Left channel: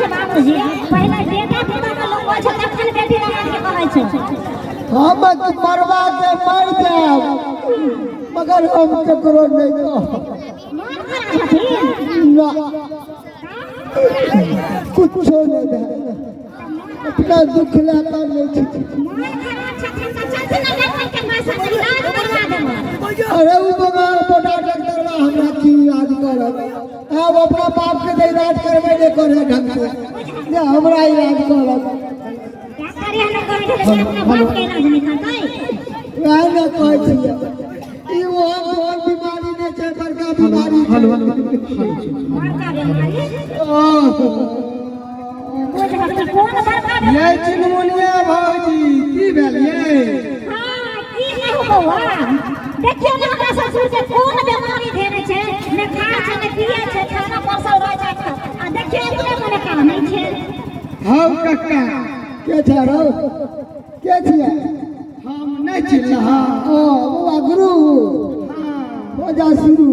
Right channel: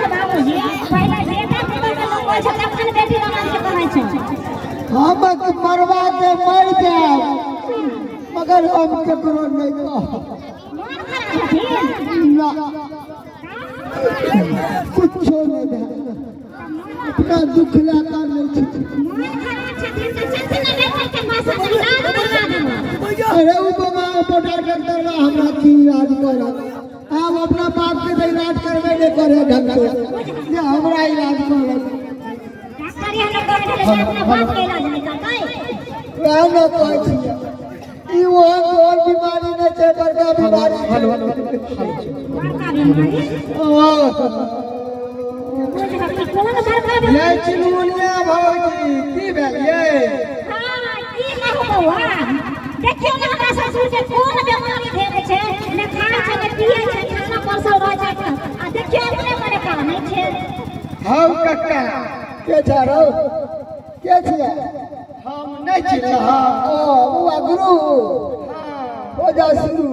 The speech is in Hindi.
छै बाबूजी पहले बेटा के तो लोग छै तखन बेटी बना के कहै छै हम मरवा के मार देब मगर हम ककरो नहीं कह ना कुछ नहीं दे अपना दुख लाता नहीं अरे वो बड़ा डॉक्टर बा हमरा की इलाज करब अब अपना बाप के इलाज करबे नहीं करे ढंग से ये हमरा इलाज करब डॉक्टर ने कहे अपना बाप के इलाज नहीं करबै वह न कहै छी ई वो बीमारी ने छै बड़का बीमारी बड़का बीमारी कौन बड़का ये चिलमुनिया भौजी की भेल ये हां की कहू बौआ देखियो ना हमरा ससुर के कोन बीमारी भेल छै ने खा छै ने पिए छै खाना परसल रह छै आ देखियो अपने मने काम नहीं छै हम कक्का के छारो के छियै हम नहीं चिन्ह हां ओ बुआ गुरु हो जा शुरू